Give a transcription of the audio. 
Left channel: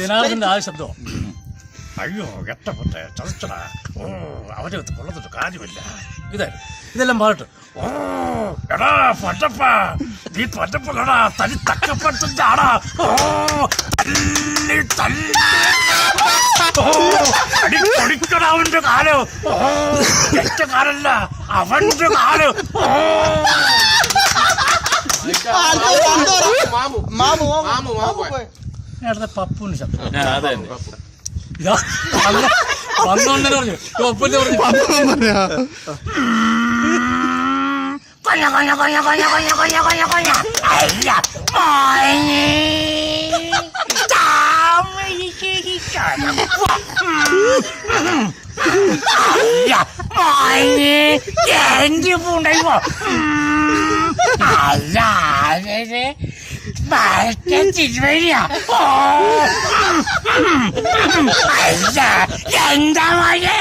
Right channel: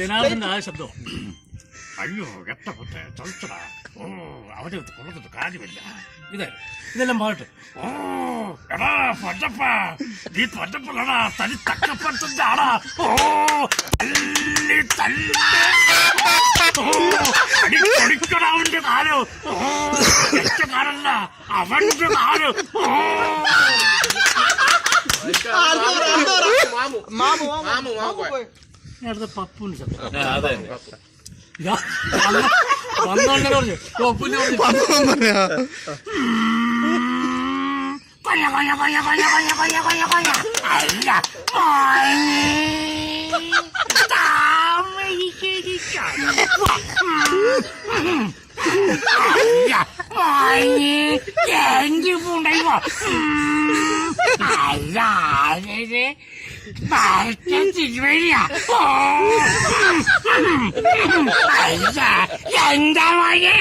ജനാർദ്ദന്റെ ആ ശബ്ദം. അയ്യോ കെട്ടപ്പെട്ടെ ചതച്ചടാ, ഓ അവരെ കൊള്ളത്തിട്ട് കാര്യമില്ല. ഇതെല്ലാം പാട്ട്. ഓ എടാ പൊറ്റപ്പ, നീ പൊറ്റപ്പല്ലടാ, തനി തക്കപ്പറ്റിന്റെ ആടാ. ഓ തല്ലി തല്ലി, ഓ അടി പൊടിക്കടാ അവന്റെ കാലം. ഓ എന്റെ കാലല്ല, അവന്റെ കാലം. ഓ നേരത്തെ പപ്പുവിന്റെ ശബ്ദം. ഇതാ വന്നോണ്ടേ പറഞ്ഞു, പപ്പുവിന്റെ പറഞ്ഞു. കൊഞ്ഞ കൊഞ്ഞ കൊഞ്ഞ കൊഞ്ഞ കൊഞ്ഞ കൊഞ്ഞ കൊഞ്ഞ കൊഞ്ഞ അല്ല എന്റെ പൂണ്ടോ അല്ല തിരുവരിയ. അല്ല എന്താ മോനെ